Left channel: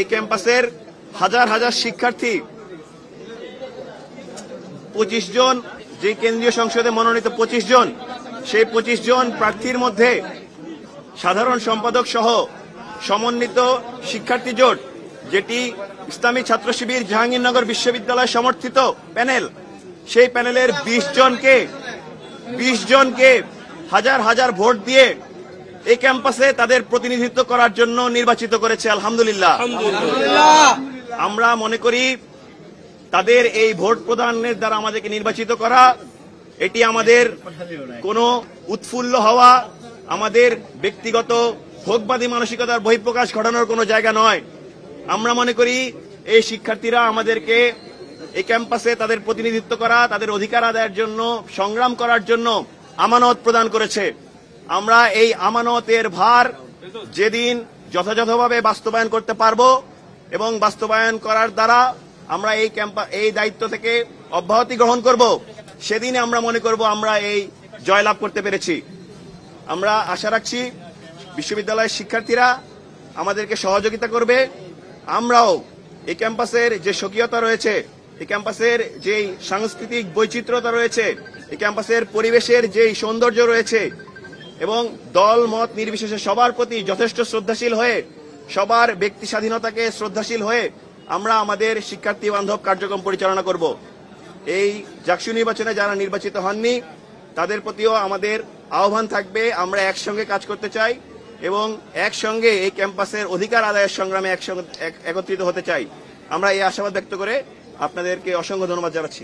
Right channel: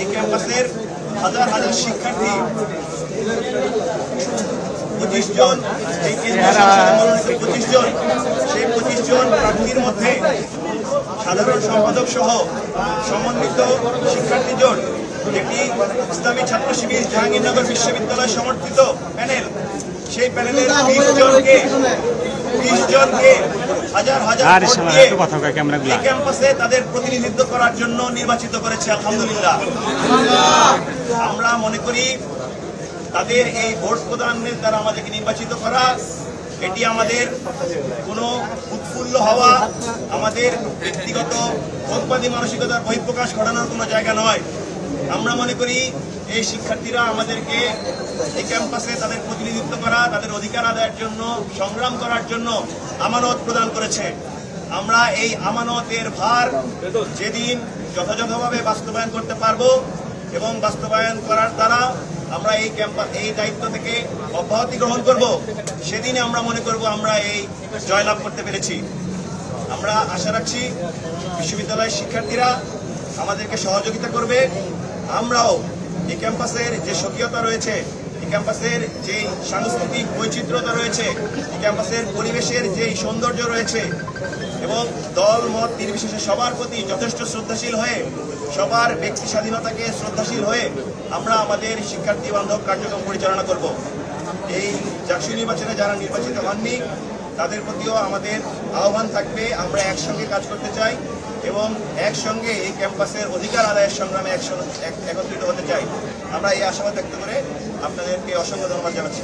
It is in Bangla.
এই ক্যাম্পাসের হাজার হাজার শিক্ষার্থী 25 জন যে কেন্দ্রীয় সংসদে মনোনীত 25 জন, সেই 25 জন প্রার্থীর মধ্যে সাধারণ সম্পাদক সহ সমন্বিত শিক্ষার্থী জোট, যেটি ইসলামী ছাত্র শিবির জাহাঙ্গীরনগর বিশ্ববিদ্যালয় সমর্থিত প্যানেল, সেই প্যানেলের 20 জনকে হাজার হাজার ভোট দিয়ে এই ক্যাম্পাসে তাদের প্রতিনিধিত্ব করার জন্য নির্বাচিত করেছে। আলহামদুলিল্লাহ। আমরা মনে করি তাদের এই ভোট প্রদানের দ্বারা আমাদেরকে নির্বাচিত করা, এটি আমাদের কোনো উৎফুল্ল হওয়া, আমাদের ব্যক্তিগত ভোগবাদী মানসিকতার বহিঃপ্রকাশ ঘটানোর কোনো জায়গা নয়। আমরা মনে করি এই শিক্ষার্থীরা আমাদেরকে এই ক্যাম্পাসে তাদের প্রতিনিধিত্ব করা, তাদের অধিকার আদায়ের জন্য সংগ্রাম করার জন্য আমানত প্রদান করেছে। আমরা এই আমানতের ভার যেদিন যথাযথভাবে বাস্তবায়ন করতে পারবো এবং বাস্তবায়ন করার দ্বারা আমরা এই দায়িত্ব থেকে অব্যাহতি গ্রহণ করব, সেদিন আমরা মনে করব আমরা এই জয়লাভ করতে পেরেছি। আমরা আশা রাখছি বিশ্ববিদ্যালয়ের শিক্ষার্থীরা আমাদেরকে সহযোগিতা করবে। আমরাও এই ক্যাম্পাসের যে স্বকীয়তা রয়েছে, এই ক্যাম্পাসের যে সাংস্কৃতিক বৈচিত্র্যতা রয়েছে, এই ক্যাম্পাসের পরিবেশের যে সৌন্দর্য রয়েছে এবং দল মত নির্বিশেষে সবার প্রতি যথেষ্ট শ্রদ্ধাশীল হয়ে, সবার ব্যক্তি স্বাধীনতাকে শ্রদ্ধাশীল হয়ে আমরা আমাদের শিক্ষার্থী বান্ধব কার্যক্রম পরিচালনা করব। এই জাকসু নির্বাচনে যারা নির্বাচিত হননি তাদের প্রতিও আমাদের আহ্বান থাকবে, আমরা একসঙ্গে কাজ করতে চাই এবং একসঙ্গে এই ক্যাম্পাসের অধিকার আদায়ের সংগ্রামে একত্রিত হতে চাই। আমরা এই আশাবাদ ব্যক্ত করে আপনাদেরকে অসংখ্য ধন্যবাদ জানাচ্ছি।